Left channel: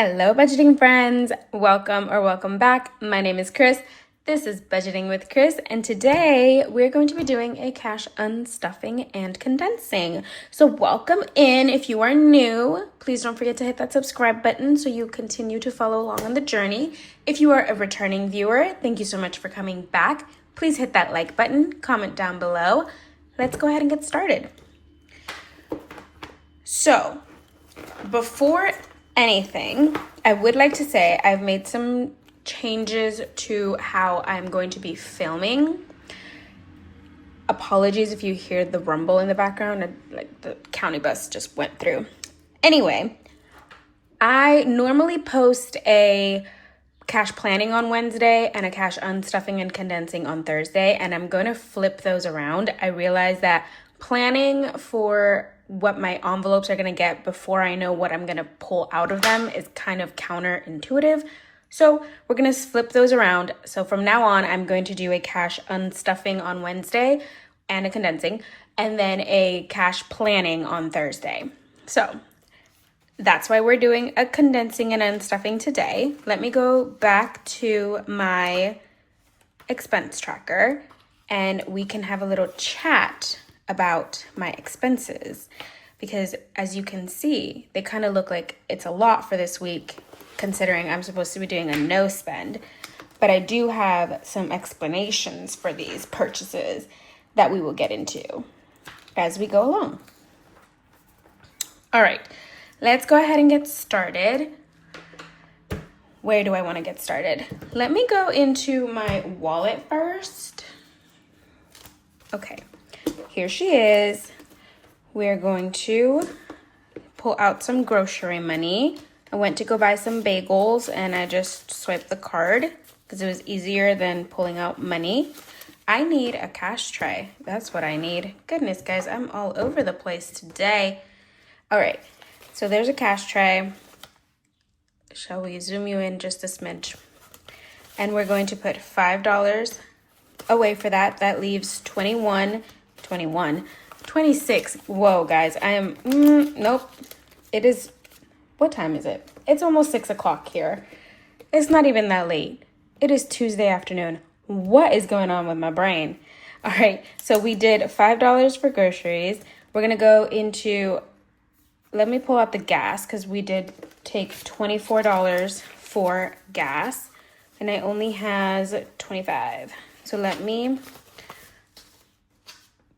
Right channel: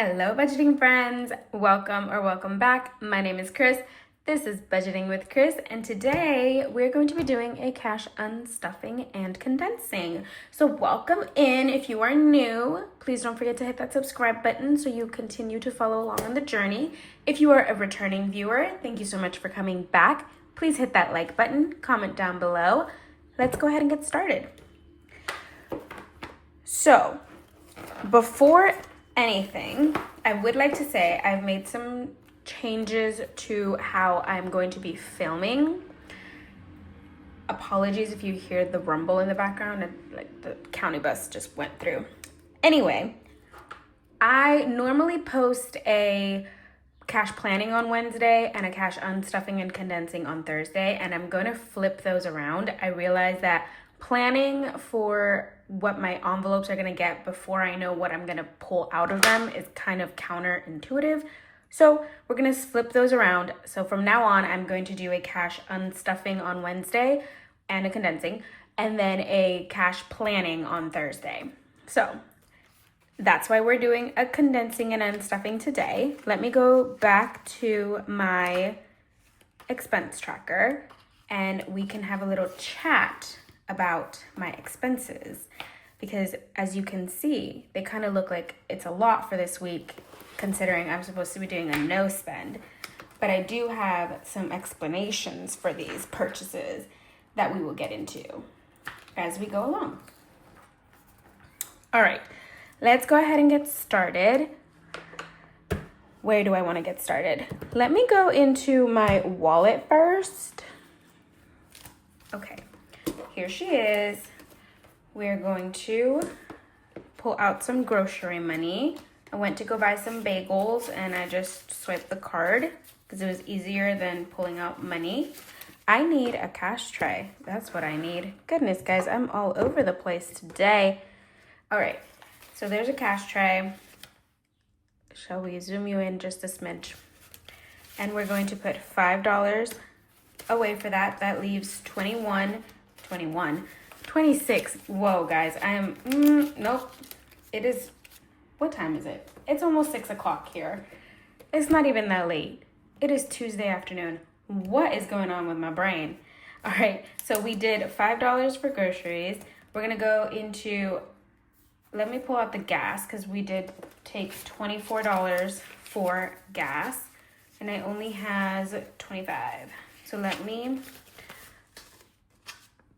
Hello, budgeting friends. Welcome back. My name is Chris. This is Budgeting with Chris, and today we're going to be doing a cash unstuffing and condensing. So welcome in. If you are new, please don't forget to hit that subscribe button so you continue to follow along on the journey. If you are a returning viewer, thank you so much for coming back. Please hit that like button, comment down below. Let's go ahead and get started. So, before anything, I would like to say I've made some changes to how I'm going to be filming. Apologies if you hear the rumble in the background, like the county bus just went through. Anyway, I normally post a cash planning on Wednesday and a cash unstuffing and condensing on Thursday, and I'm going to flip those around. I realize that planning for what my envelopes are going to get before I know what I'm going to pull out of them is kind of counterintuitive. So we're going to flip those around. So from now on, I'm going to do a cash unstuffing on Wednesday and a condensing, and then a cash planning on Thursday. So that's why we're doing a condensing and unstuffing today. Let me go back to my expense tracker and we can have a little chat about my expenses, because as you can see, they kind of look like it's a lot for this week considering I'm supposed to be doing a no spend, but I do have some explanations for these purchases that we will get into as we go along. All right, let's go ahead and get started. Where do I want to get started? Let me go into my wallet first. Okay. Here she is. We're going to pull out some grocery money. I went to go buy some bagels and I just swiped the card because it was easier than pulling out money. I need a cash tray. That's what I need. Goodness, guys, I'm all over the place today. All right, so there's a cash tray. Shall we zoom you in just a smidge? And we're going to put $5 away for that. That leaves 26. Whoa, guys, I am, nope. It is, what time is it? It's almost 6 o'clock here. It's not even that late. It is Tuesday afternoon. What is going on with my brain? All right, so we did $5 for groceries. We're gonna go into, let me pull out the gas because we did take $24 for gas and I only has 25. So let me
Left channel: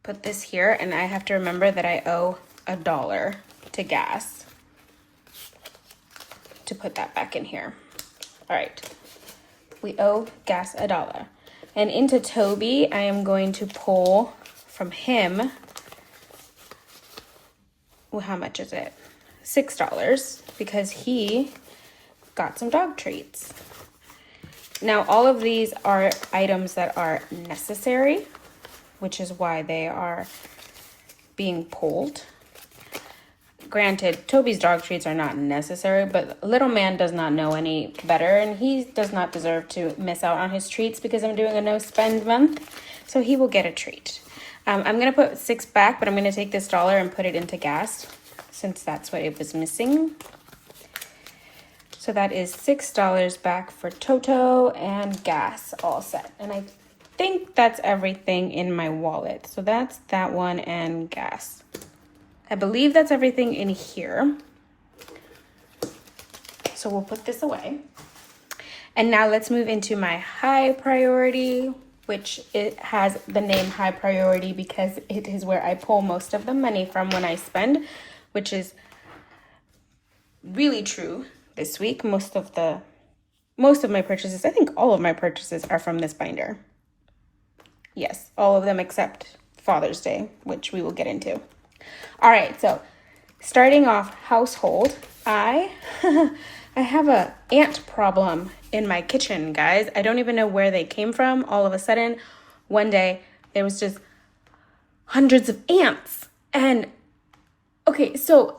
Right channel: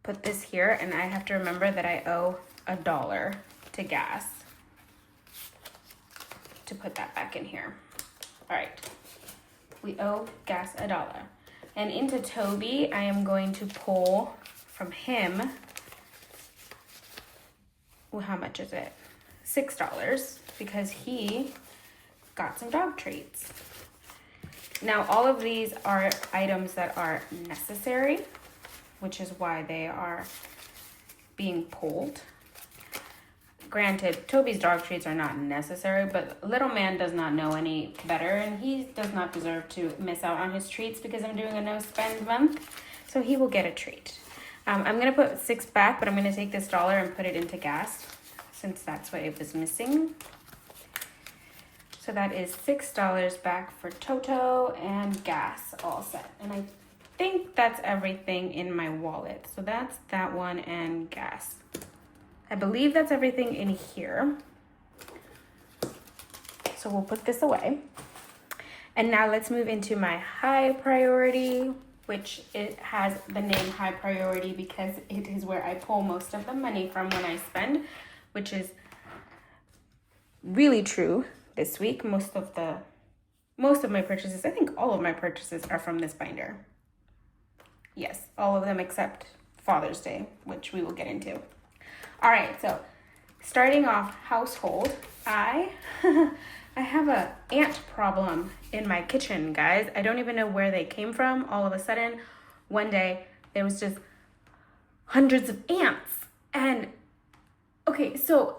put this here, and I have to remember that I owe $1 to gas to put that back in here. All right, we owe gas $1. And into Toby, I am going to pull from him, well, how much is it? $6, because he got some dog treats. Now, all of these are items that are necessary, which is why they are being pulled. Granted, Toby's dog treats are not necessary, but little man does not know any better, and he does not deserve to miss out on his treats because I'm doing a no spend month, so he will get a treat. I'm gonna put $6 back, but I'm gonna take this dollar and put it into gas since that's what it was missing. So that is $6 back for Toto and gas all set. And I think that's everything in my wallet. So that's that one and gas. I believe that's everything in here. So we'll put this away. And now let's move into my high priority, which it has the name high priority because it is where I pull most of the money from when I spend, which is really true this week. Most of my purchases, I think all of my purchases are from this binder. Yes, all of them except Father's Day, which we will get into. All right, so starting off household, I have a ant problem in my kitchen, guys. I don't even know where they came from. All of a sudden, one day, there was just hundreds of ants. And okay, so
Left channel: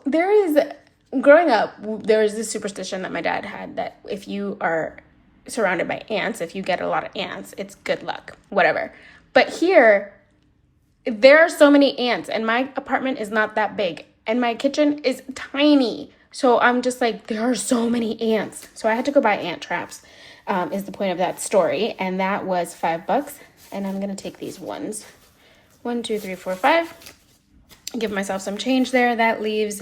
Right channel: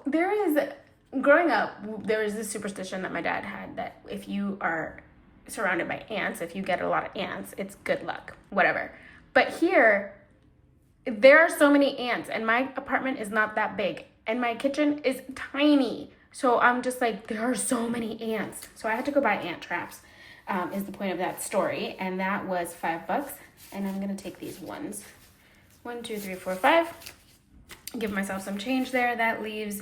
growing up, there was this superstition that my dad had that if you are surrounded by ants, if you get a lot of ants, it's good luck, whatever. But here, there are so many ants, and my apartment is not that big, and my kitchen is tiny. So I'm just like, there are so many ants. So I had to go buy ant traps, is the point of that story. And that was $5. And I'm going to take these ones. 1, 2, 3, 4, 5. Give myself some change there. That leaves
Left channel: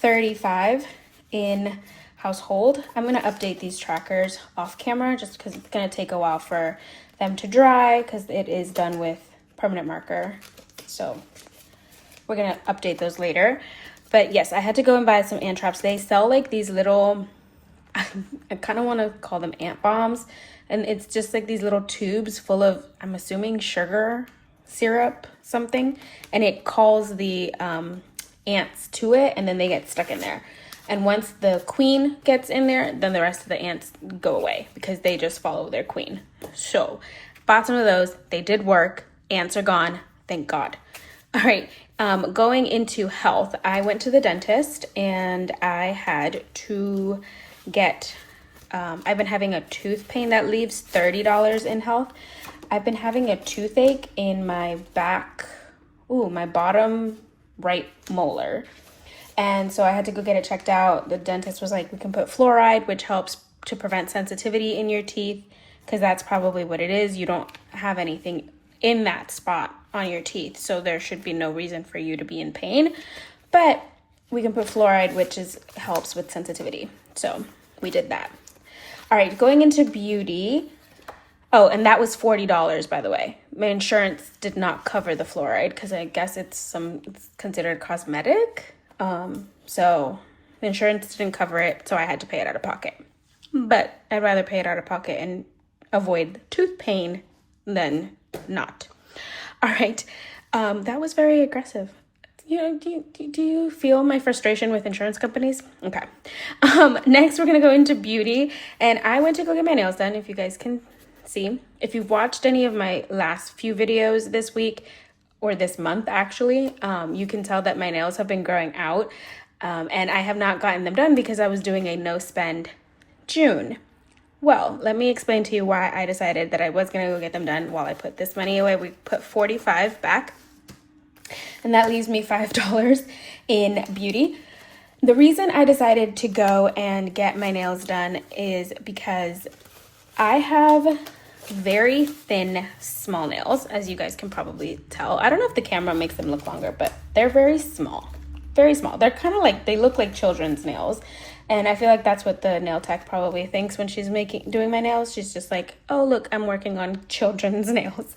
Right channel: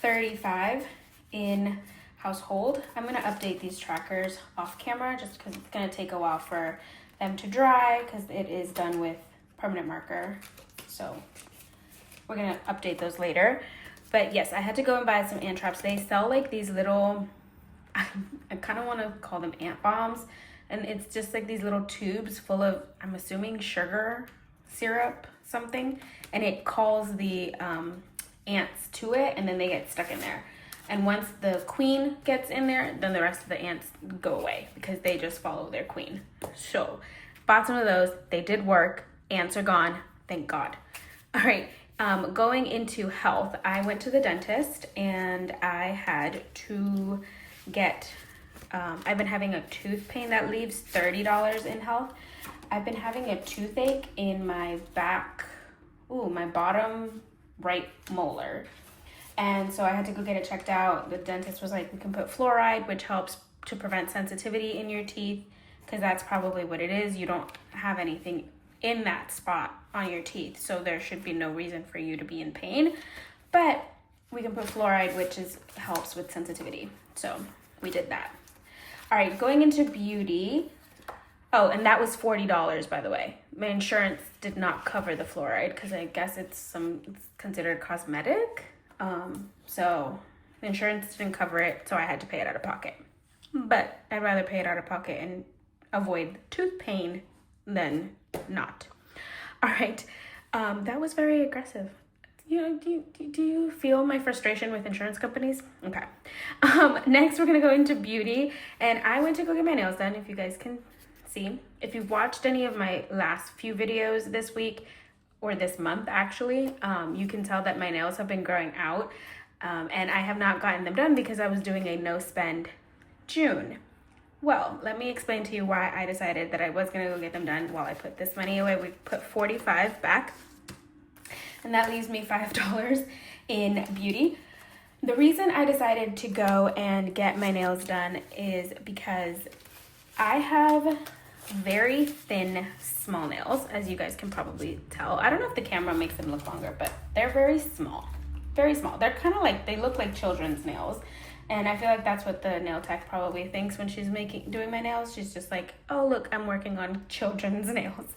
35 in household. I'm going to update these trackers off camera just because it's going to take a while for them to dry because it is done with permanent marker. So we're going to update those later. But yes, I had to go and buy some ant traps. They sell like these little, I kind of want to call them ant bombs. And it's just like these little tubes full of, I'm assuming, sugar syrup, something. And it calls the ants to it, and then they get stuck in there. And once the queen gets in there, then the rest of the ants go away because they just follow their queen. So bought some of those. They did work. Ants are gone. Thank God. All right. Going into health, I went to the dentist and I had to get, I've been having a tooth pain that leaves $30 in health. I've been having a toothache in my back, my bottom right molar. And so I had to go get it checked out. The dentist was like, we can put fluoride, which helps to prevent sensitivity in your teeth, because that's probably what it is. You don't have anything in that spot on your teeth, so there should be no reason for you to be in pain. But we can put fluoride, which helps with sensitivity. So we did that. All right, going into beauty. Oh, and that was $40, by the way. My insurance did not cover the fluoride because I guess it's considered cosmetic. So the insurance didn't cover it, so I had to pay it out of pocket. But I'd rather pay it out of pocket and avoid tooth pain than not. All right, that was very aggressive. Do you feel my frustration with insurance companies? Okay. Next, we're gonna go into beauty, and I went to go get my nails done. If you guys can see, if you've watched any of my last few videos this week or this month, actually, you can tell that my nails have been growing out, and I have not gotten them done because I was doing a no spend June. Well, let me explain to you why I decided that I was going to go get them done while I put this money away. We put $45 back, and that leaves me $5 in beauty. The reason I decided to go and get my nails done is because I have very thin, small nails, as you guys can probably tell. I don't know if the camera makes them look longer, but they're very small. Very small. They're kind of like, they look like children's nails. And I feel like that's what the nail tech probably thinks when she's doing my nails. She's just like, oh, look, I'm working on children's nails.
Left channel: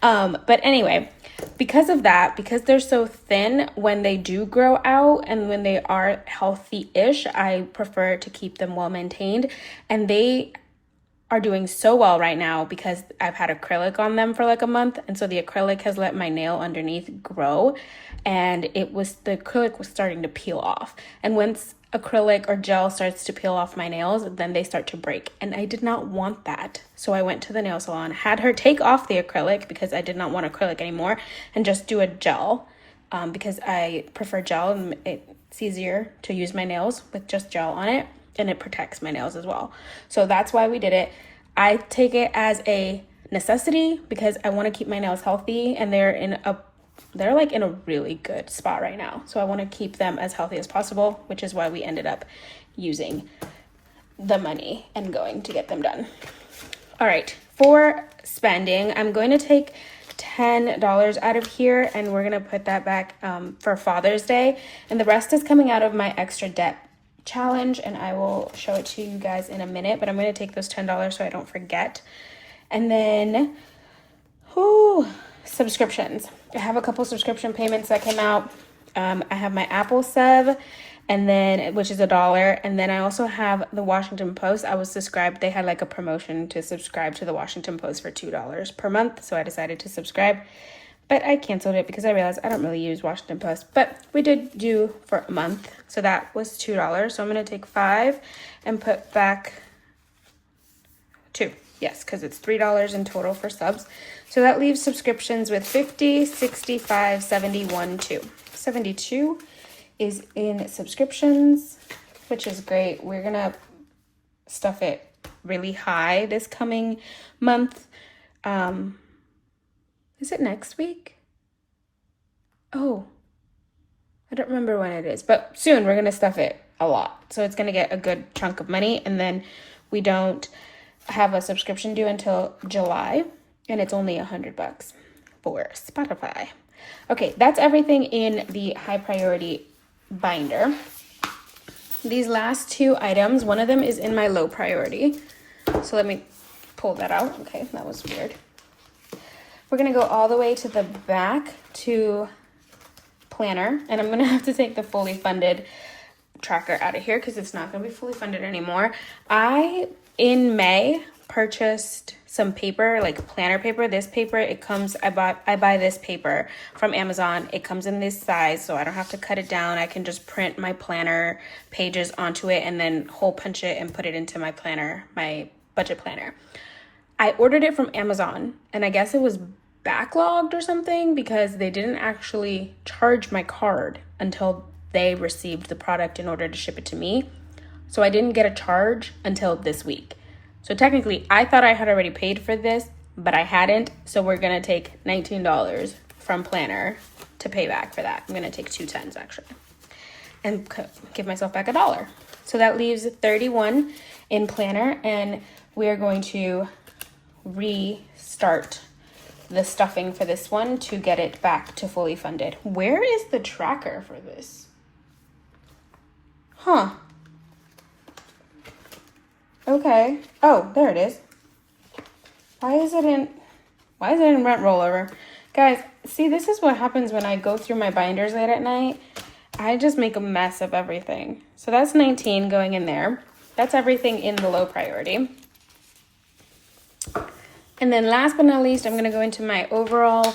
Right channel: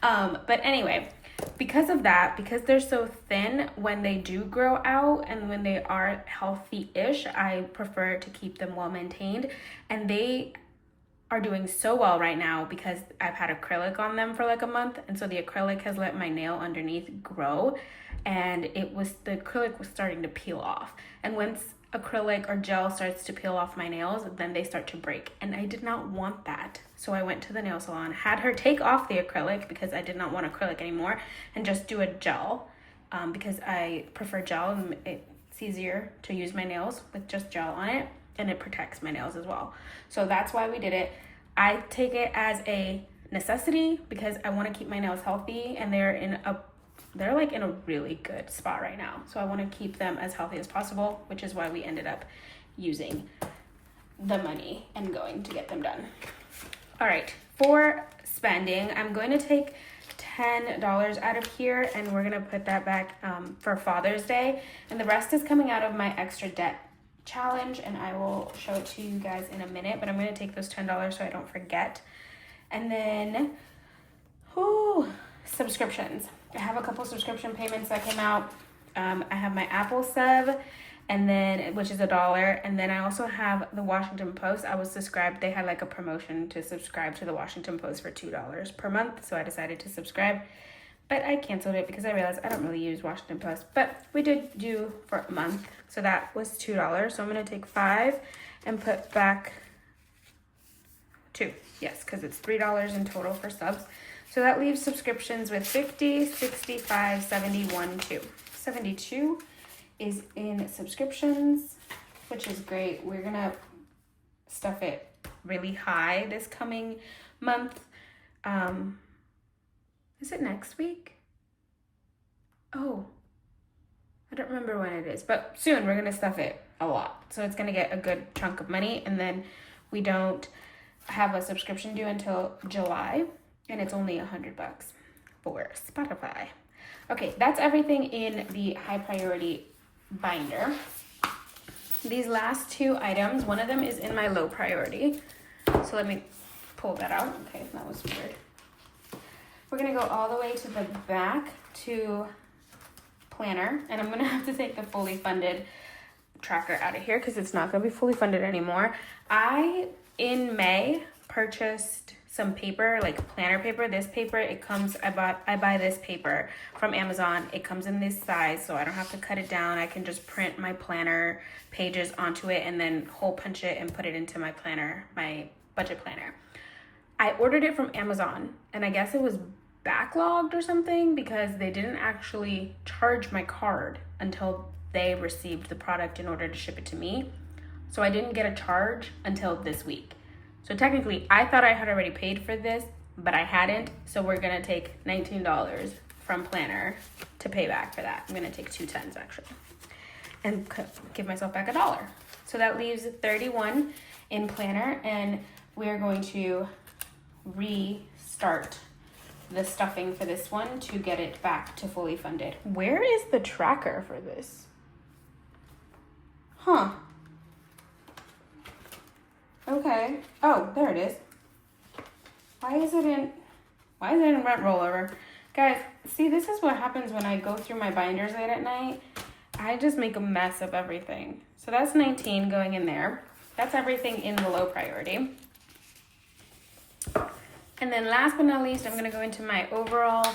But anyway, because of that, because they're so thin, when they do grow out and when they are healthy-ish, I prefer to keep them well maintained. And they are doing so well right now because I've had acrylic on them for like a month. And so the acrylic has let my nail underneath grow, and the acrylic was starting to peel off. And once acrylic or gel starts to peel off my nails, then they start to break. And I did not want that. So I went to the nail salon, had her take off the acrylic because I did not want acrylic anymore, and just do a gel because I prefer gel and it's easier to use my nails with just gel on it, and it protects my nails as well. So that's why we did it. I take it as a necessity because I want to keep my nails healthy, and they're like in a really good spot right now. So I want to keep them as healthy as possible, which is why we ended up using the money and going to get them done. All right, for spending, I'm going to take $10 out of here, and we're going to put that back for Father's Day. And the rest is coming out of my extra debt challenge, and I will show it to you guys in a minute, but I'm going to take those $10 so I don't forget. And then, subscriptions. I have a couple subscription payments that came out. I have my Apple sub, and then which is $1, and then I also have the Washington Post. I was subscribed. They had like a promotion to subscribe to the Washington Post for $2 per month, so I decided to subscribe. But I canceled it because I realized I don't really use Washington Post. But we did do for a month, so that was $2. So I'm gonna take $5 and put back $2. Yes, because it's $3 in total for subs. So that leaves subscriptions with 50, 65, 71, 2. 72 is in subscriptions, which is great. We're gonna stuff it really high this coming month. Is it next week? Oh, I don't remember when it is, but soon we're gonna stuff it a lot. So it's gonna get a good chunk of money, and then we don't have a subscription due until July, and it's only $100 for Spotify. Okay, that's everything in the high priority binder. These last two items, one of them is in my low priority. So let me pull that out. Okay, that was weird. We're gonna go all the way to the back to planner, and I'm gonna have to take the fully funded tracker out of here because it's not gonna be fully funded anymore. In May, purchased some paper, like planner paper. This paper, I buy this paper from Amazon. It comes in this size, so I don't have to cut it down. I can just print my planner pages onto it and then hole punch it and put it into my planner, my budget planner. I ordered it from Amazon, and I guess it was backlogged or something because they didn't actually charge my card until they received the product in order to ship it to me. So I didn't get a charge until this week. So technically, I thought I had already paid for this, but I hadn't. So we're gonna take $19 from Planner to pay back for that. I'm gonna take 2 tens actually, and give myself back $1. So that leaves 31 in Planner, and we are going to restart the stuffing for this one to get it back to fully funded. Where is the tracker for this? Huh. Okay. Oh, there it is. Why is it in rent rollover? Guys, see, this is what happens when I go through my binders late at night. I just make a mess of everything. So that's 19 going in there. That's everything in the low priority. And then last but not least, I'm going to go into my overall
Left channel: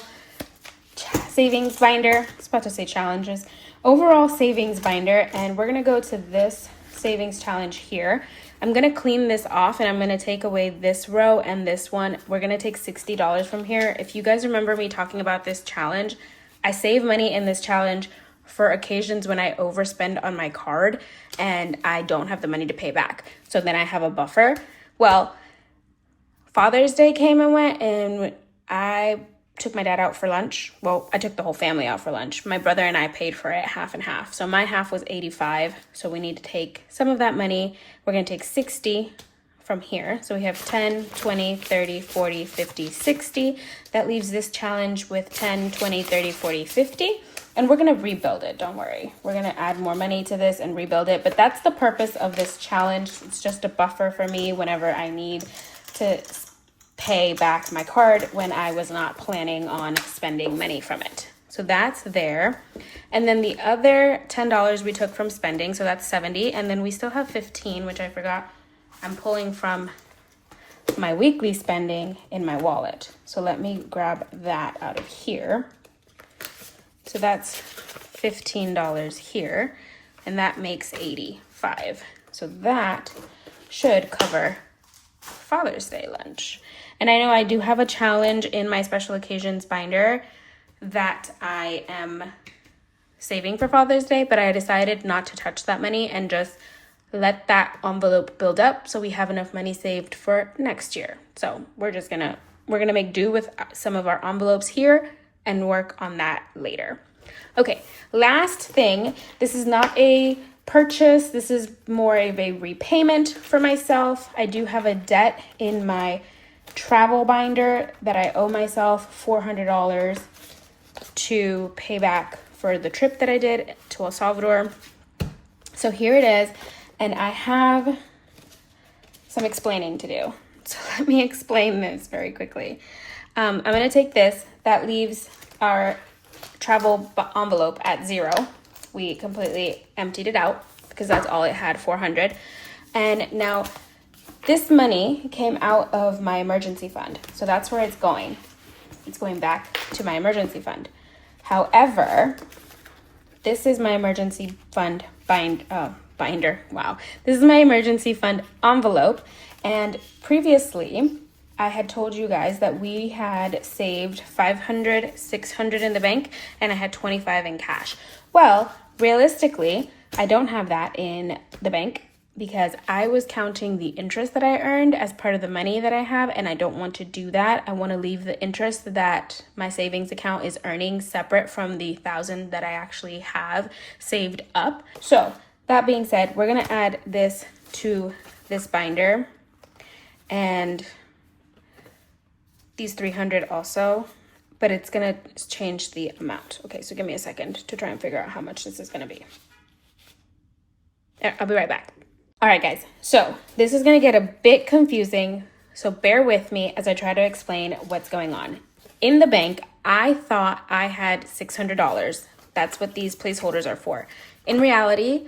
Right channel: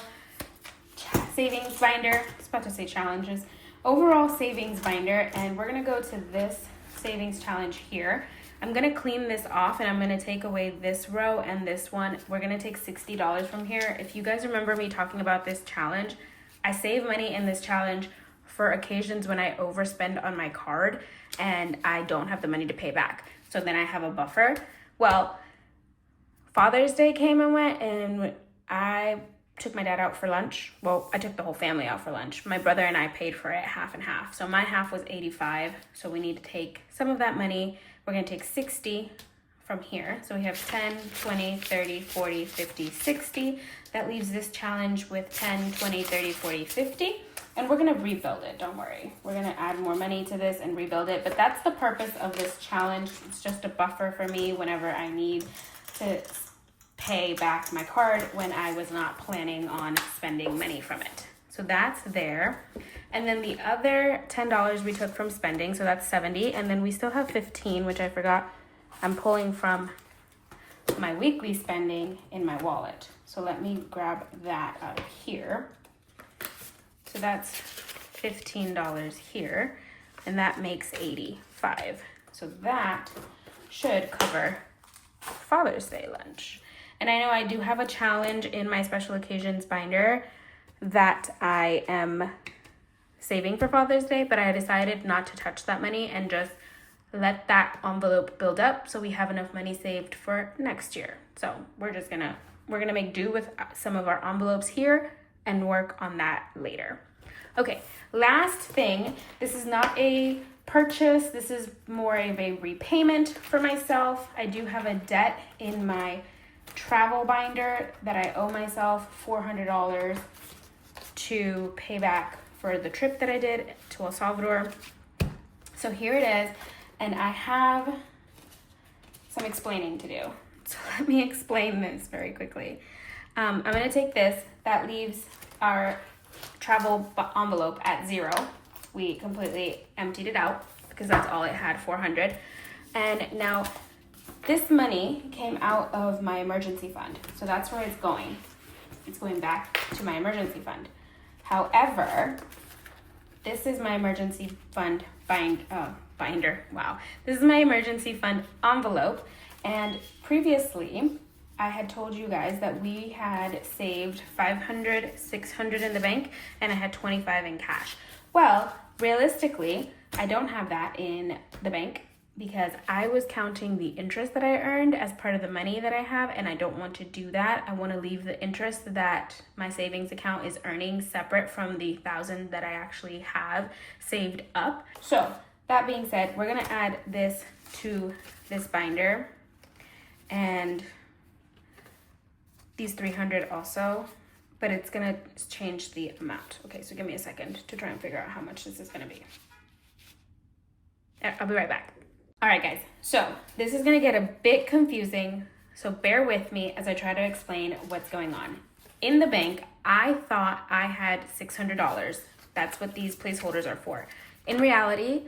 savings binder. I was about to say challenges. Overall savings binder, and we're going to go to this savings challenge here. I'm going to clean this off, and I'm going to take away this row and this one. We're going to take $60 from here. If you guys remember me talking about this challenge, I save money in this challenge for occasions when I overspend on my card and I don't have the money to pay back. So then I have a buffer. Well, Father's Day came and went, and I took my dad out for lunch. Well, I took the whole family out for lunch. My brother and I paid for it half and half. So my half was 85. So we need to take some of that money. We're going to take 60 from here. So we have 10, 20, 30, 40, 50, 60. That leaves this challenge with 10, 20, 30, 40, 50. And we're going to rebuild it. Don't worry. We're going to add more money to this and rebuild it. But that's the purpose of this challenge. It's just a buffer for me whenever I need to pay back my card when I was not planning on spending money from it. So that's there. And then the other $10 we took from spending, so that's 70. And then we still have 15, which I forgot. I'm pulling from my weekly spending in my wallet. So let me grab that out of here. So that's $15 here, and that makes 85. So that should cover Father's Day lunch. And I know I do have a challenge in my special occasions binder that I am saving for Father's Day, but I decided not to touch that money and just let that envelope build up so we have enough money saved for next year. So we're gonna make do with some of our envelopes here and work on that later. Okay, last thing, this is not a purchase, this is more of a repayment for myself. I do have a debt in my travel binder that I owe myself $400 to pay back for the trip that I did to El Salvador. So here it is, and I have some explaining to do. So let me explain this very quickly. I'm gonna take this, that leaves our travel envelope at 0. We completely emptied it out because that's all it had, 400. And now this money came out of my emergency fund. So that's where it's going. It's going back to my emergency fund. However, this is my emergency fund binder. Wow. This is my emergency fund envelope. And previously, I had told you guys that we had saved $500, $600 in the bank, and I had $25 in cash. Well, realistically, I don't have that in the bank because I was counting the interest that I earned as part of the money that I have, and I don't want to do that. I want to leave the interest that my savings account is earning separate from the $1,000 that I actually have saved up. So That being said, we're gonna add this to this binder and these 300 also, but it's gonna change the amount. Okay, so give me a second to try and figure out how much this is gonna be. I'll be right back. All right, guys, so this is gonna get a bit confusing, so bear with me as I try to explain what's going on. In the bank, I thought I had $600. That's what these placeholders are for. In reality,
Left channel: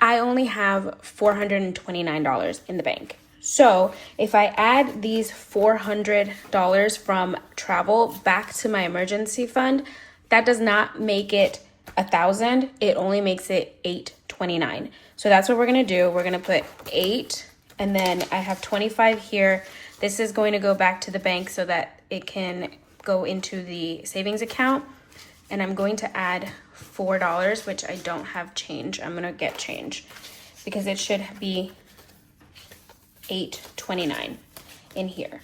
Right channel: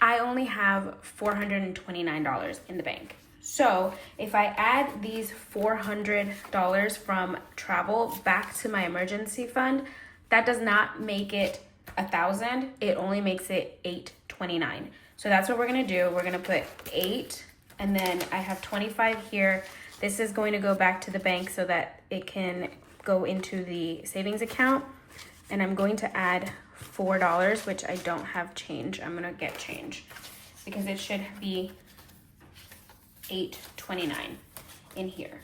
I only have $429 in the bank. So if I add these $400 from travel back to my emergency fund, that does not make it 1,000. It only makes it $829. So that's what we're gonna do. We're gonna put 8, and then I have 25 here. This is going to go back to the bank so that it can go into the savings account. And I'm going to add $4, which I don't have change. I'm gonna get change because it should be $829 in here.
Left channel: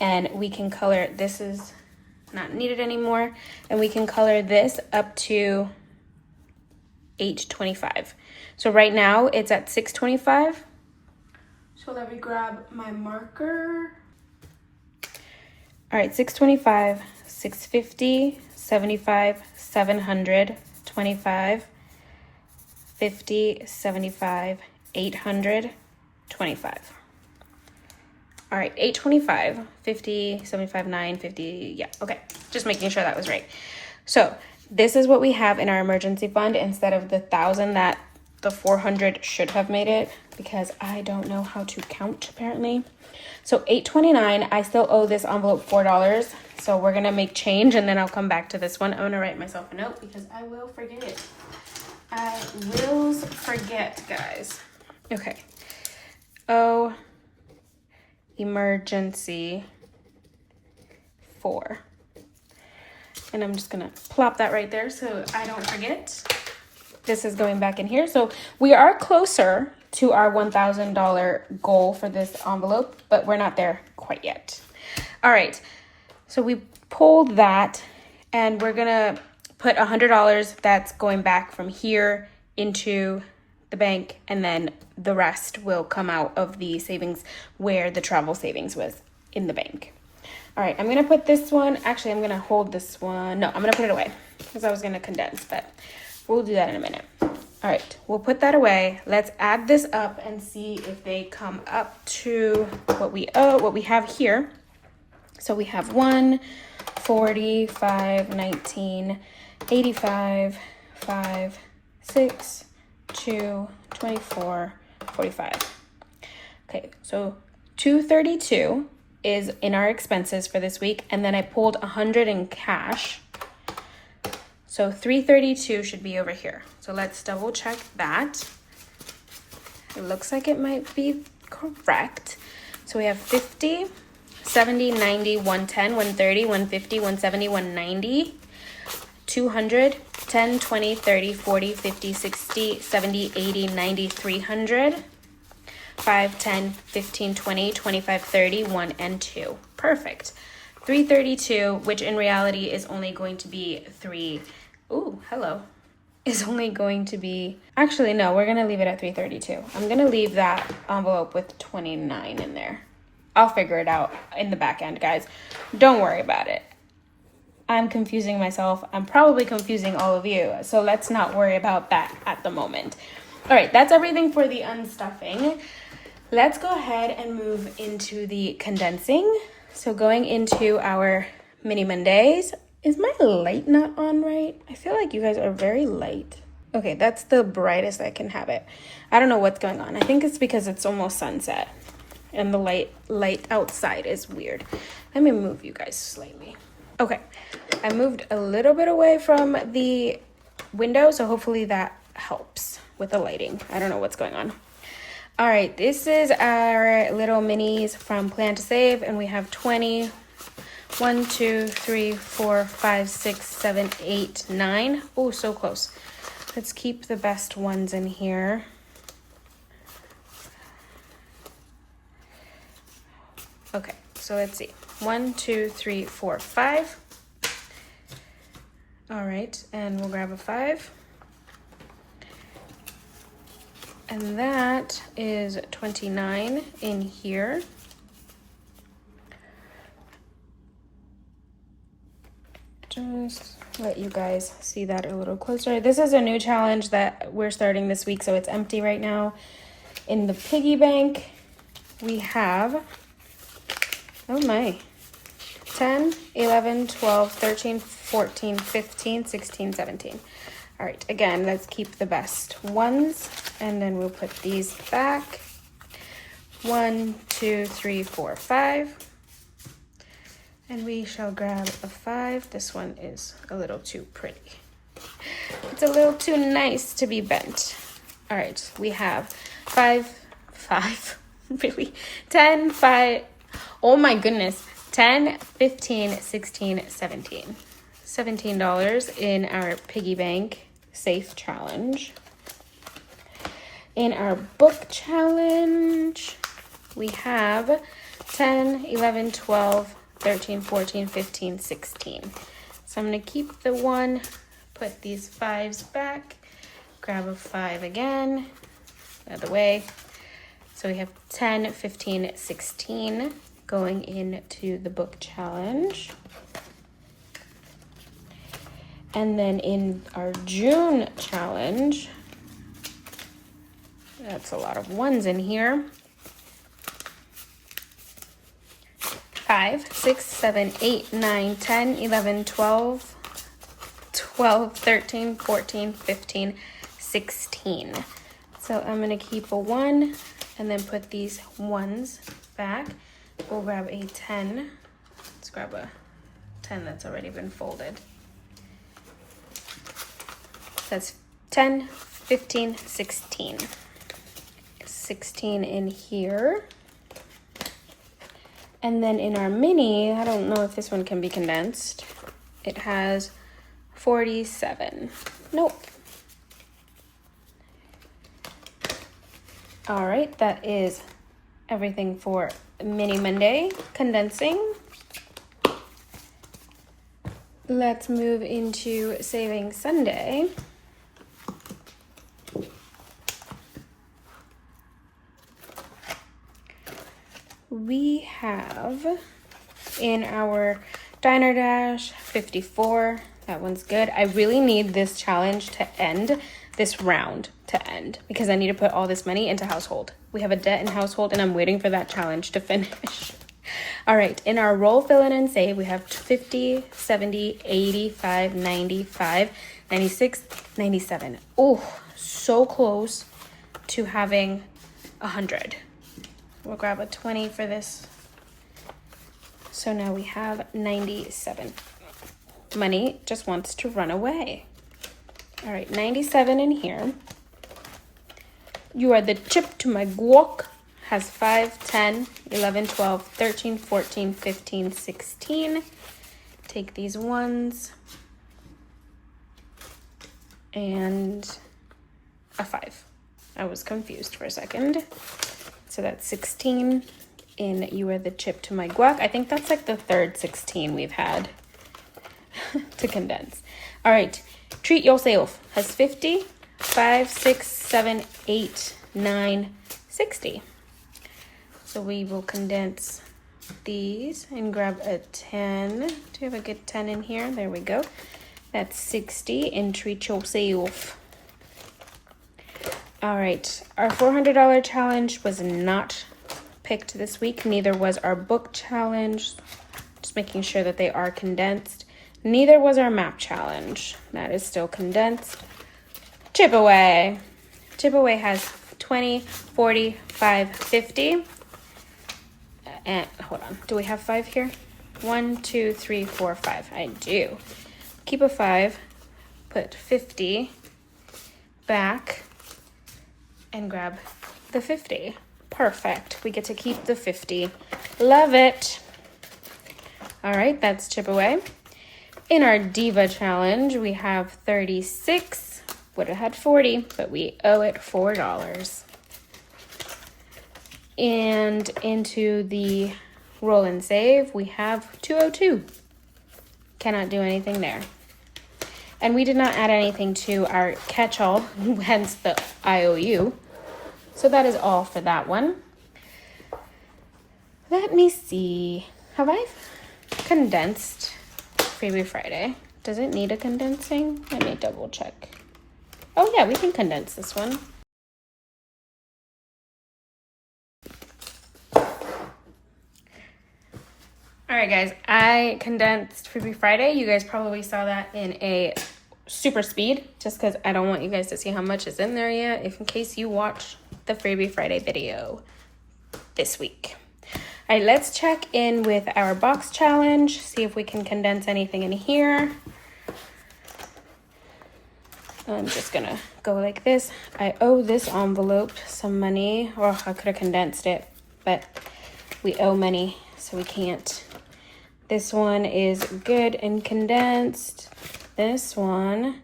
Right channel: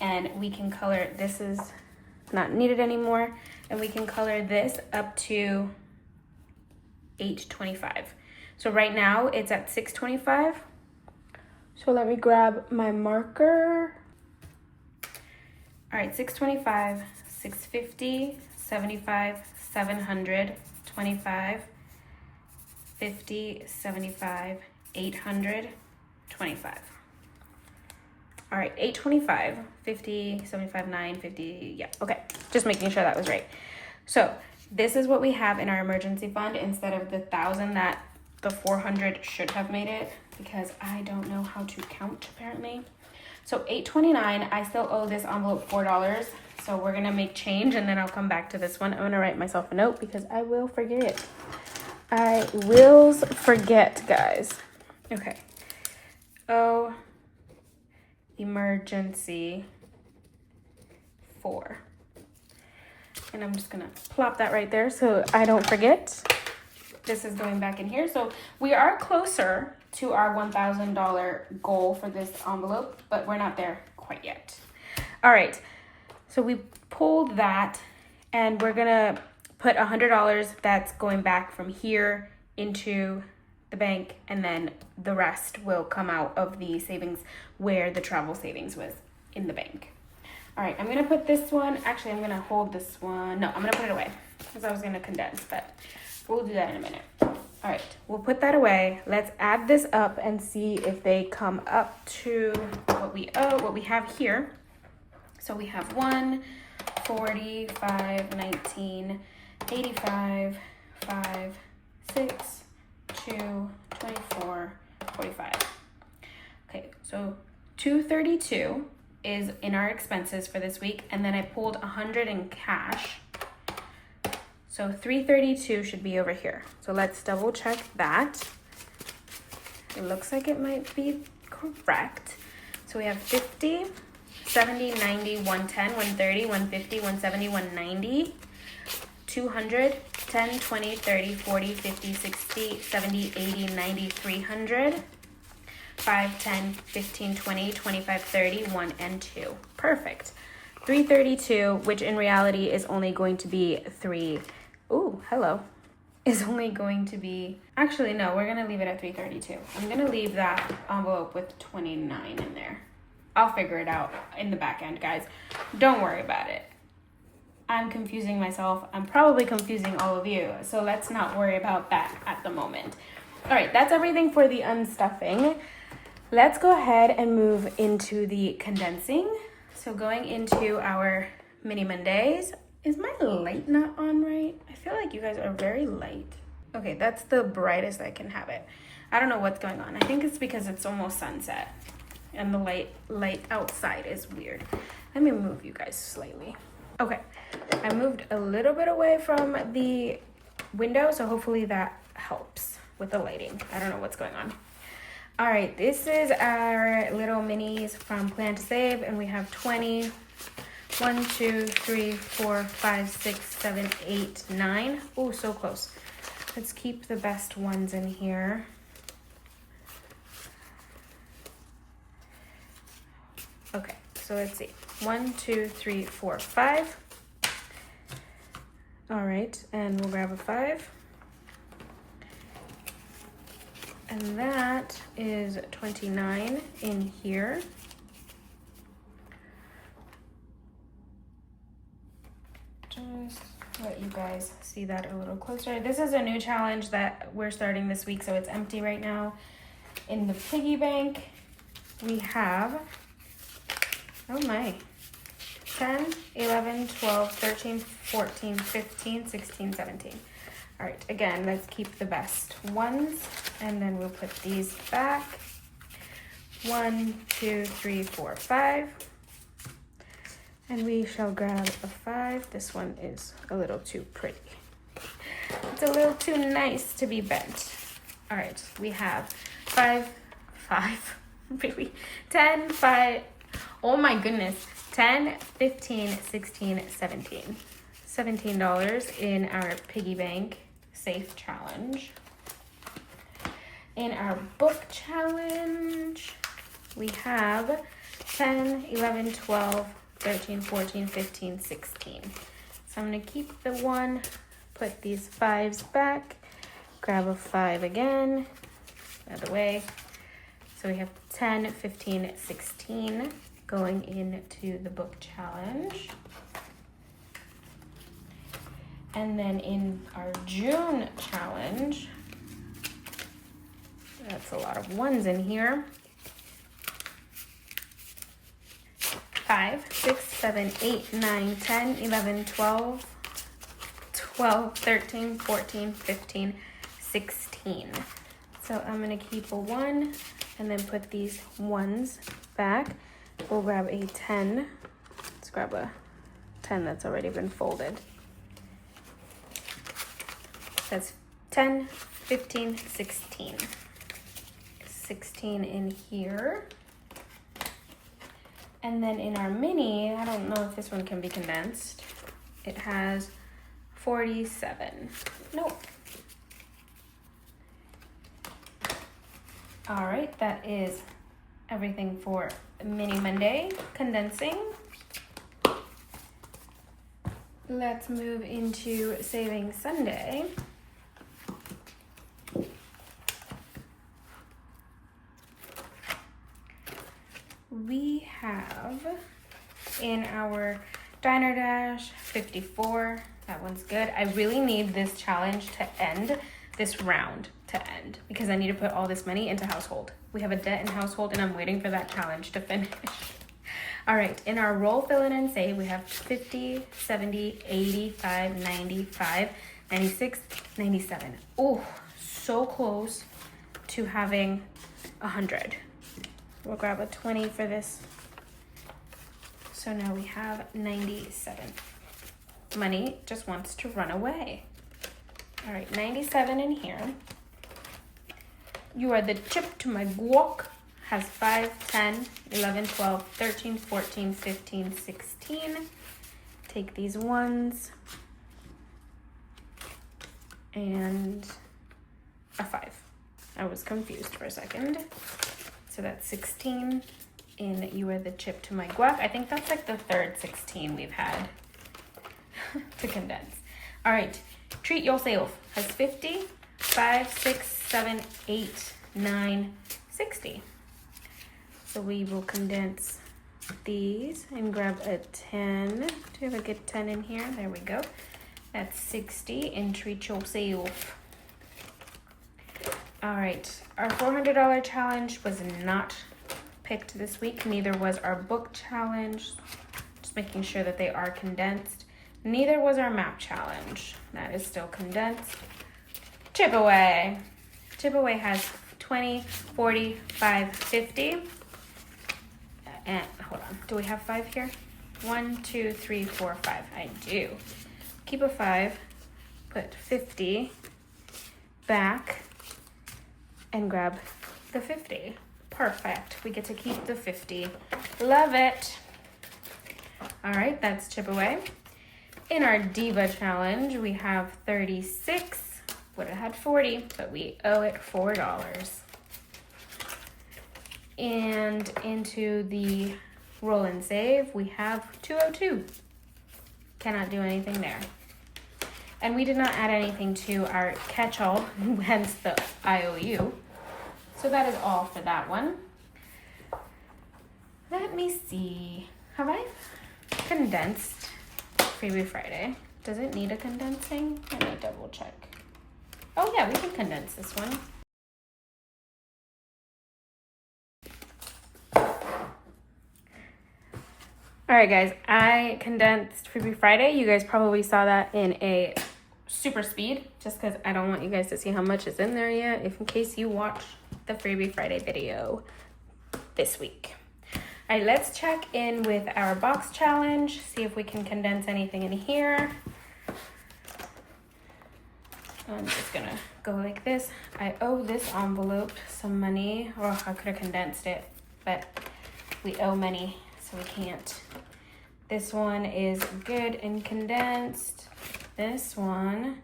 And we can color, this is not needed anymore. And we can color this up to $825. So right now it's at $625. So let me grab my marker. All right, $625, $650, $75, $700, $25, $50, $75, $800, $25. All right, $825, $50, $75, $9, $50, yeah, okay. Just making sure that was right. So this is what we have in our emergency fund instead of the 1,000 that the 400 should have made it, because I don't know how to count apparently. So $829, I still owe this envelope $4. So we're gonna make change and then I'll come back to this one. I'm gonna write myself a note because I will forget. I will forget, guys. Okay. Oh, emergency 4. And I'm just gonna plop that right there so I don't forget. This is going back in here. So we are closer to our $1,000 goal for this envelope, but we're not there quite yet. All right, so we pulled that and we're gonna put $100 that's going back from here into the bank, and then the rest will come out of the savings where the travel savings was in the bank. All right, I'm gonna put this one, actually I'm gonna hold this one. No, I'm gonna put it away because I was gonna condense, but we'll do that in a minute. All right, we'll put that away. Let's add this up and see if they come up to what we owe, what we have here. So we have 1, 40, 5, 19, 85, 5, 6, 2, 24, 45. Okay, so 232 is in our expenses for this week, and then I pulled 100 in cash. So 332 should be over here. So let's double check that. It looks like it might be correct. So we have 50, 70, 90, 110, 130, 150, 170, 190, 200, 10, 20, 30, 40, 50, 60, 70, 80, 90, 300, 5, 10, 15, 20, 25, 30, 1, and 2. Perfect. 332, which in reality is only going to be 3. Ooh, hello. Is only going to be, actually, no, we're going to leave it at 332. I'm going to leave that envelope with 29 in there. I'll figure it out in the back end, guys. Don't worry about it. I'm confusing myself. I'm probably confusing all of you. So let's not worry about that at the moment. All right, that's everything for the unstuffing. Let's go ahead and move into the condensing. So going into our mini Mondays. Is my light not on right? I feel like you guys are very light. Okay, that's the brightest I can have it. I don't know what's going on. I think it's because it's almost sunset and the light outside is weird. Let me move you guys slightly. Okay, I moved a little bit away from the window, so hopefully that helps with the lighting. I don't know what's going on. All right, this is our little minis from Plan to Save, and we have 20. 1, 2, 3, 4, 5, 6, 7, 8, 9. Oh, so close. Let's keep the best ones in here. Okay, so let's see. 1, 2, 3, 4, 5. All right, and we'll grab a 5. And that is 29 in here. Just let you guys see that a little closer. This is a new challenge that we're starting this week, so it's empty right now. In the piggy bank, we have, oh my, 10, 11, 12, 13, 14, 15, 16, 17. All right, again, let's keep the best ones, and then we'll put these back. 1, 2, 3, 4, 5. And we shall grab a 5. This one is a little too pretty. It's a little too nice to be bent. All right, we have 5, really? 10, 5, oh my goodness. 10, 15, 16, 17. $17 in our piggy bank safe challenge. In our book challenge, we have 10, 11, 12, 13, 14, 15, 16. So I'm gonna keep the 1, put these 5s back, grab a 5 again, out of the way. So we have 10, 15, 16 going into the book challenge. And then in our June challenge, that's a lot of 1s in here. 5, 6, 7, 8, 9, 10, 11, 12, 12, 13, 14, 15, 16. So I'm gonna keep a 1 and then put these 1s back. We'll grab a 10. Let's grab a 10 that's already been folded. That's 10, 15, 16. 16 in here. And then in our mini, I don't know if this one can be condensed. It has 47. Nope. All right, that is everything for Mini Monday condensing. Let's move into Saving Sunday. We have in our Diner Dash 54. That one's good. I really need this challenge to end, this round to end, because I need to put all this money into household. We have a debt in household and I'm waiting for that challenge to finish. All right, in our roll, fill in, and save, we have 50, 70, 85, 95, 96, 97. Oh, so close to having 100. We'll grab a 20 for this. So now we have 97. Money just wants to run away. All right, 97 in here. You are the chip to my guac. Has 5, 10, 11, 12, 13, 14, 15, 16. Take these 1s. And a 5. I was confused for a second. So that's 16 in You Are the Chip to My Guac. I think that's like the third 16 we've had to condense. All right, Treat Yourself has 50, 5, 6, 7, 8, 9, 60. So we will condense these and grab a 10. Do we have a good 10 in here? There we go. That's 60 in Treat Yourself. All right, our $400 challenge was not picked this week. Neither was our book challenge. Just making sure that they are condensed. Neither was our map challenge. That is still condensed. Chip Away. Chip Away has 20, 40, 5, 50. And hold on, do we have 5 here? 1, 2, 3, 4, 5. I do. Keep a 5, put 50 back, and grab the 50. Perfect. We get to keep the 50. Love it. All right, that's Chip Away. In our Diva challenge, we have 36. Would have had 40, but we owe it $4. And into the roll and save, we have 202. Cannot do anything there. And we did not add anything to our catch-all, hence the IOU. So that is all for that one. Let me see. Have I condensed Freebie Friday? Does it need a condensing? Let me double check. Oh yeah, we can condense this one. All right, guys, I condensed Freebie Friday. You guys probably saw that in a super speed, just because I don't want you guys to see how much is in there yet, if in case you watch the Freebie Friday video this week. All right, let's check in with our box challenge, see if we can condense anything in here. I'm just gonna go like this. I owe this envelope some money, or I could have condensed it, but we owe money, so we can't. This one is good and condensed. This one,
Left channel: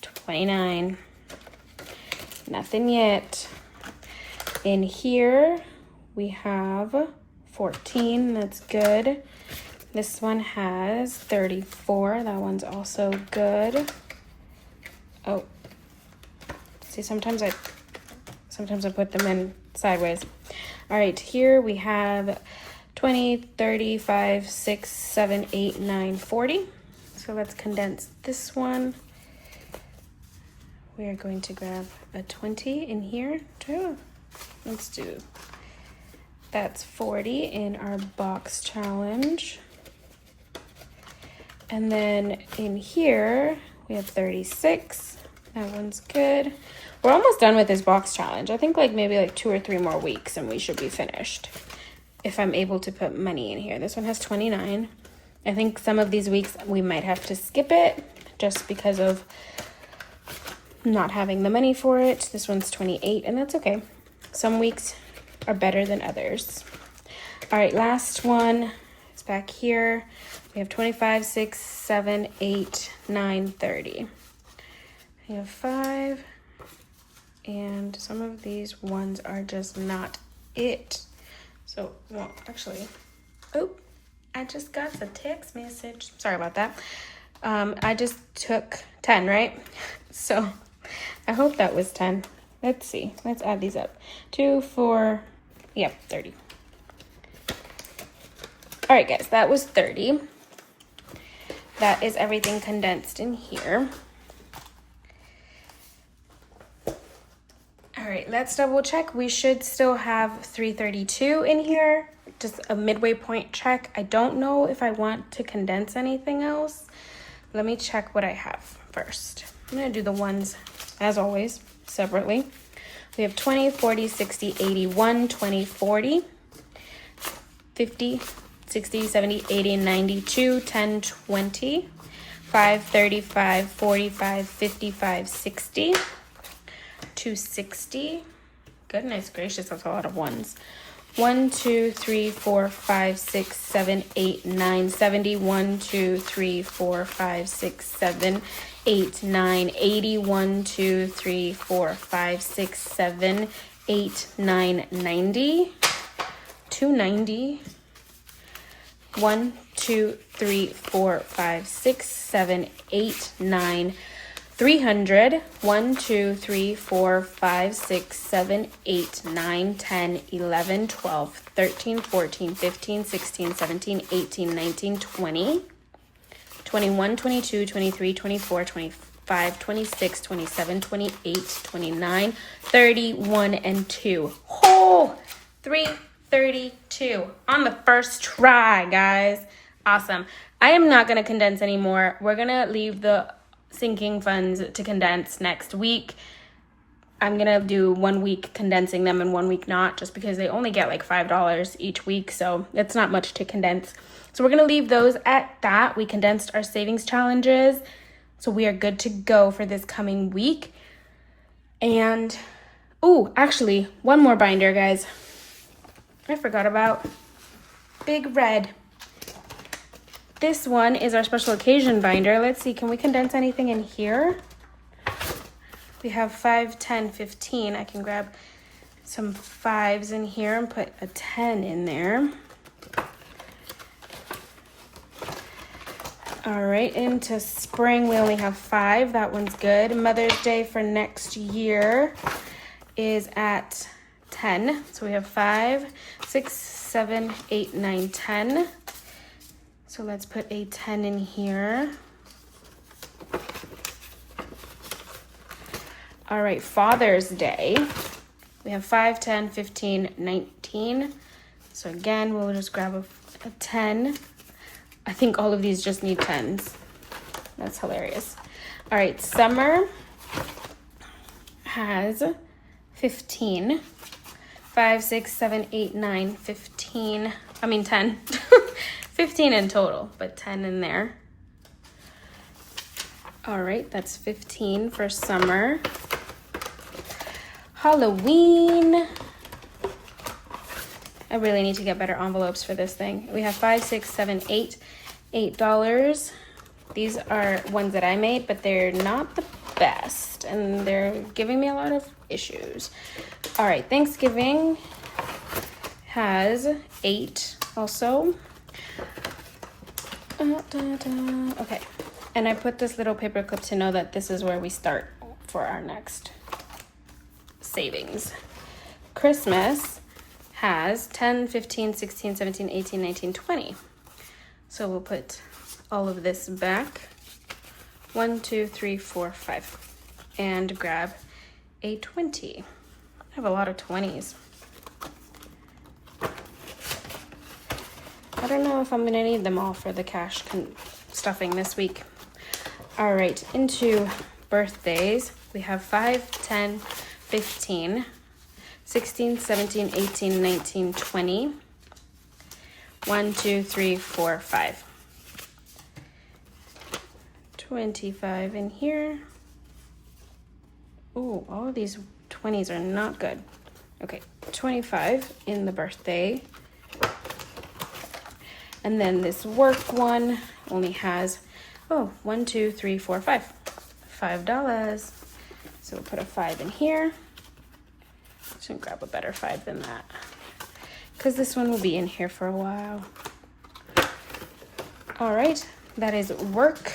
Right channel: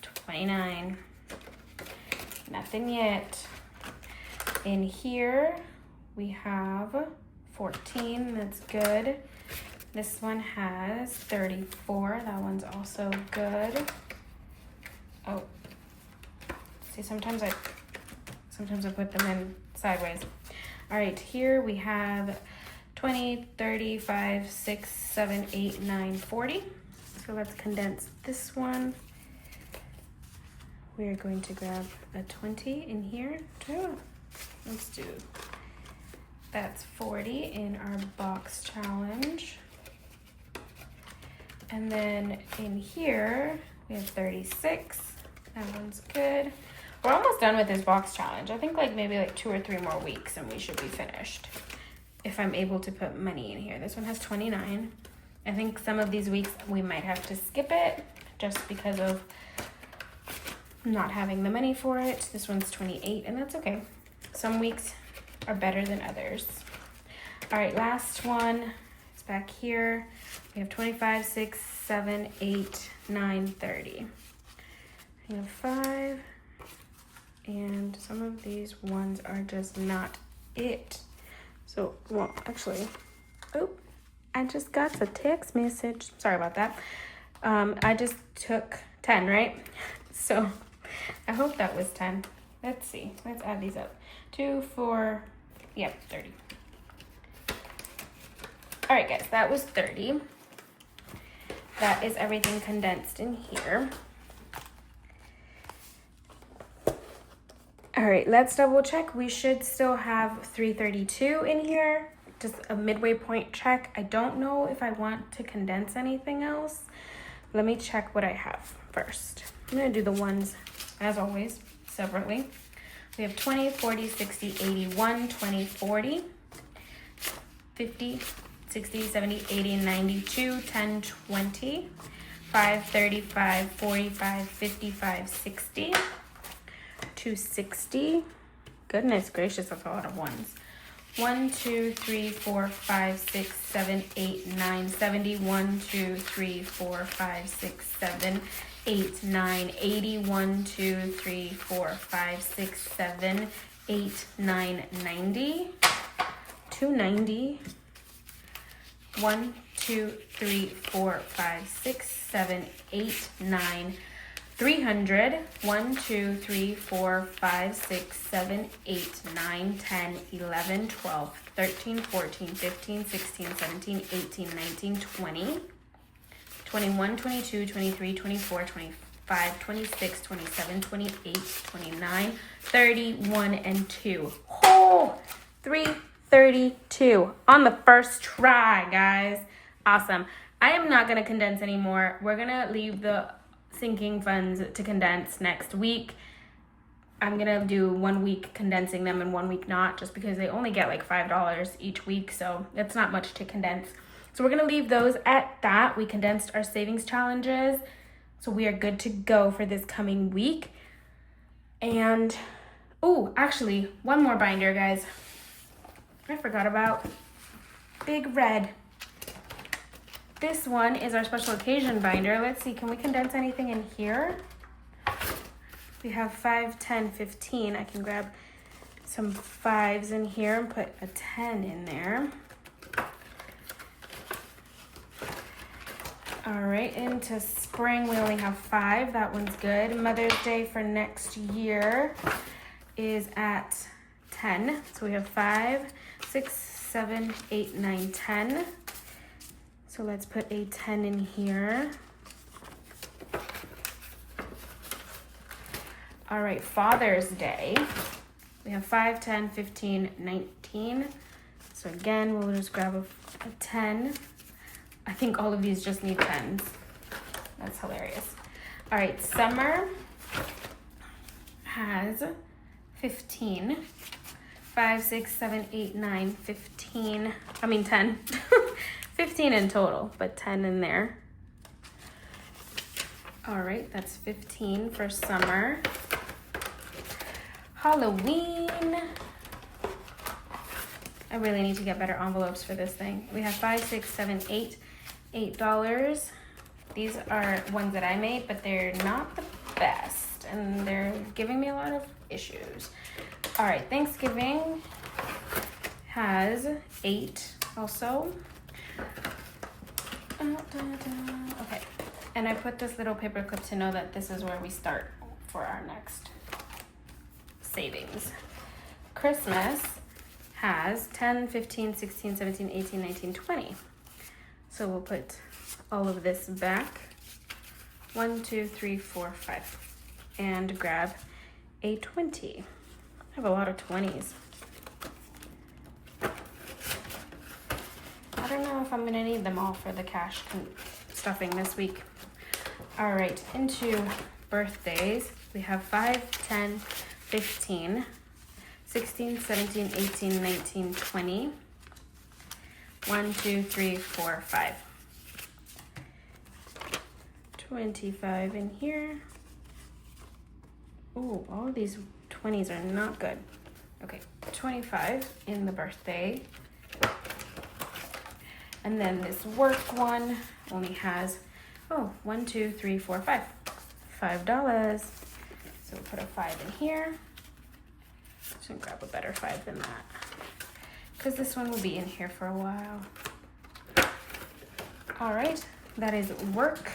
29. Nothing yet. In here, we have 14. That's good. This one has 34. That one's also good. Oh, see, sometimes I put them in sideways. All right, here we have 20, 35, 6, 7, 8, 9, 40. So let's condense this one. We are going to grab a 20 in here too. Let's do, that's 40 in our box challenge. And then in here, we have 36. That one's good. We're almost done with this box challenge. I think like maybe like 2 or 3 more weeks and we should be finished. If I'm able to put money in here. This one has 29. I think some of these weeks we might have to skip it just because of not having the money for it. This one's 28 and that's okay. Some weeks are better than others. All right, last one. It's back here. We have 25, 6, 7, 8, 9, 30. I have 5. And some of these ones are just not it. So, well, actually, oh, I just got the text message. Sorry about that. I just took 10, right? So, I hope that was 10. Let's see. Let's add these up. 2, 4, yep, 30. All right, guys, that was 30. That is everything condensed in here. All right, let's double check. We should still have 332 in here. Just a midway point check. I don't know if I want to condense anything else. Let me check what I have first. I'm gonna do the ones, as always, separately. We have 20, 40, 60, 81, 20, 40, 50, 60, 70, 80, 92, 10, 20, 5, 35, 45, 55, 60, 260. Goodness gracious, that's a lot of ones. 1, 2, 3, 4, 5, 6, 7, 8, 9, 70. 1, 2, 3, 4, 5, 6, 7, 8, 9, 80. 1, 2, 3, 4, 5, 6, 7, 8, 9, 90. 290. 1, 2, 3, 4, 5, 6, 7, 8, 9, 300. 1, 2, 3, 4, 5, 6, 7, 8, 9, 10, 11, 12, 13, 14, 15, 16, 17, 18, 19, 20, 21, 22, 23, 24, 25, 26, 27, 28, 29, 31, and 2. Oh, 332 on the first try, guys. Awesome. I am not going to condense anymore. We're going to leave the sinking funds to condense next week. I'm gonna do 1 week condensing them and 1 week not, just because they only get like $5 each week, so it's not much to condense. So we're gonna leave those at that. We condensed our savings challenges, so we are good to go for this coming week. And oh, actually, one more binder, guys. I forgot about Big Red. This one is our special occasion binder. Let's see, can we condense anything in here? We have 5, 10, 15. I can grab some 5s in here and put a 10 in there. All right, into spring, we only have 5. That one's good. Mother's Day for next year is at 10. So we have 5, 6, 7, 8, 9, 10. So let's put a 10 in here. All right, Father's Day. We have 5, 10, 15, 19. So again, we'll just grab a 10. I think all of these just need 10s. That's hilarious. All right, Summer has 15. 5, 6, 7, 8, 9, 15. I mean 10. 15 in total, but 10 in there. All right, that's 15 for Summer. Halloween. I really need to get better envelopes for this thing. We have 5, 6, 7, 8. $8. These are ones that I made, but they're not the best, and they're giving me a lot of issues. All right, Thanksgiving has 8 also. Okay, and I put this little paper clip to know that this is where we start for our next savings. Christmas has 10, 15, 16, 17, 18, 19, 20. So we'll put all of this back. 1, 2, 3, 4, 5. And grab a 20. I have a lot of 20s. I don't know if I'm gonna need them all for the cash stuffing this week. All right, into birthdays. We have 5, 10, 15, 16, 17, 18, 19, 20. 1, 2, 3, 4, 5. 25 in here. Ooh, all of these 20s are not good. Okay, 25 in the birthday. And then this work one only has, 1, 2, 3, 4, 5. $5. So we'll put a 5 in here. Just gonna grab a better 5 than that, because this one will be in here for a while. All right, that is work.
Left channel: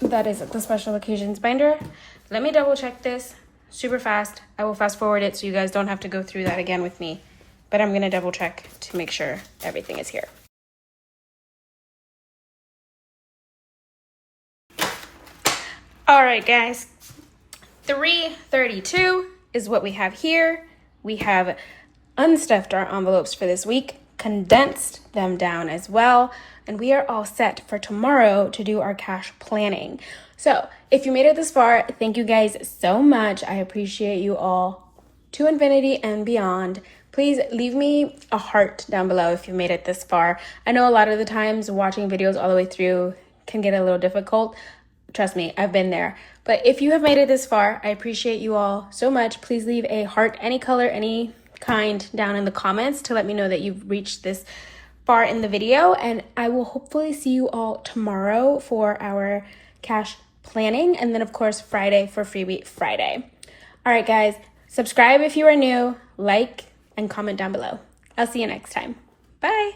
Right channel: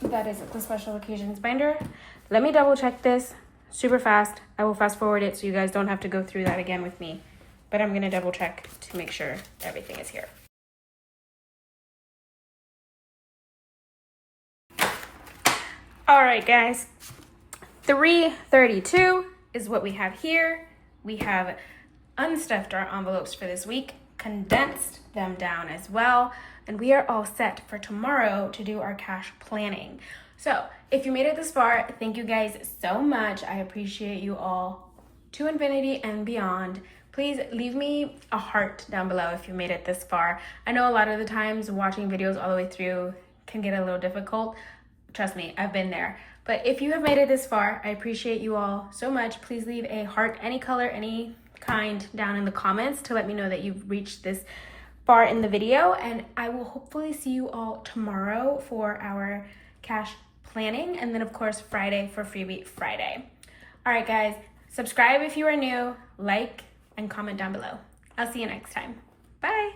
That is the special occasions binder. Let me double check this super fast. I will fast forward it so you guys don't have to go through that again with me, but I'm gonna double check to make sure everything is here. All right, guys, 332 is what we have here. We have unstuffed our envelopes for this week, condensed them down as well, and we are all set for tomorrow to do our cash planning. So if you made it this far, thank you guys so much. I appreciate you all to infinity and beyond. Please leave me a heart down below if you made it this far. I know a lot of the times watching videos all the way through can get a little difficult. Trust me, I've been there. But if you have made it this far, I appreciate you all so much. Please leave a heart, any color, any kind, down in the comments to let me know that you've reached this far in the video. And I will hopefully see you all tomorrow for our cash planning. And then of course, Friday for Freebie Friday. All right, guys, subscribe if you are new, like, and comment down below. I'll see you next time. Bye.